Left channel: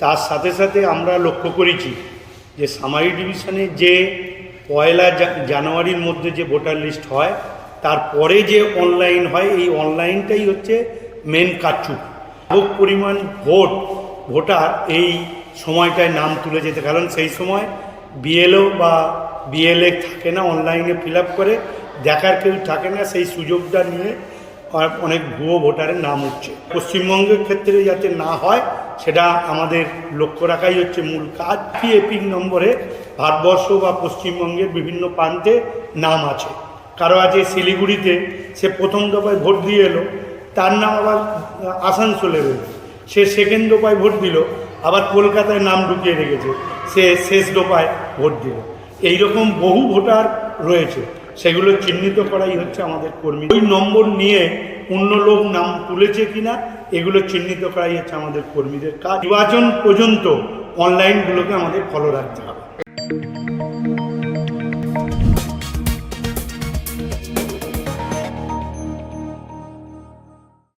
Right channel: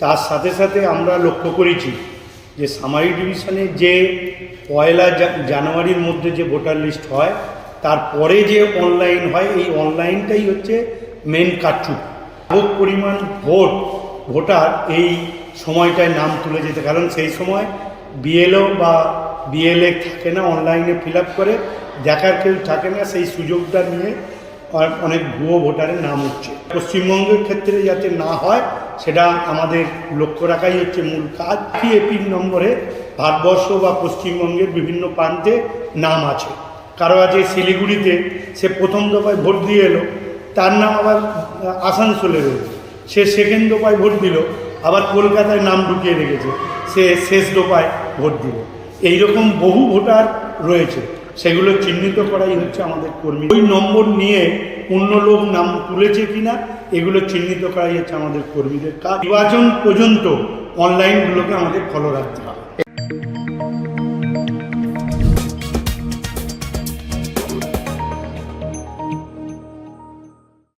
তার সাথে সাথে আমরা লক্ষ্য করেছি যে সামারি ডিভিশনে যে পয়লা জানুয়ারির মধ্যে যে ভোটার লিস্ট হয় তারপরে যে অনলাইন হয়, এই অনলাইনটাই হচ্ছে মেন কারচুপ। ব্যাপক পরিমাণ ভোট, ভোটার এই সময়টায় নাম তুলে যেতে, কারণ সেই সময় বিএলও বা বিএলএ থাকে না, অনলাইনে ফিল করে, দেখার কেউ থাকে না, সেই সুযোগটা নিয়ে অনেক ভুয়ো ভোটারের নাম উঠছে। পশ্চিমবঙ্গের ক্ষেত্রে যাতে না হয় সেটা আমাদের লক্ষ্য রাখাই হচ্ছে মূল কাজ। কি নম্বরে ভারতবর্ষ বা পশ্চিমবঙ্গের বিভিন্ন প্রান্তে নাম আছে। কারও আছে শিলিগুড়িতে, সে প্রথম দফায় ভোট দিয়ে এলো, তার নাম আবার আসানসোলে রয়েছে। সে সেকেন্ড দফায় ভোট দিল, আবার কলকাতায় নাম ঢুকিয়ে রেখেছে, সে শেষ দফায় ভোট দিল। এইরকম বহু ভোটার রয়েছে, সেগুলো চিহ্নিত করাই হচ্ছে আমাদের কর্মী। ওই নম্বর নিয়ে অন্য লোক নাম তুলেছে কিনা এগুলো চিহ্নিত করাই হচ্ছে আমাদের কর্মীদের কাজ। নির্বাচন পর্যন্ত অনলাইনগুলোকে আমাদের ফলো রাখতে হবে।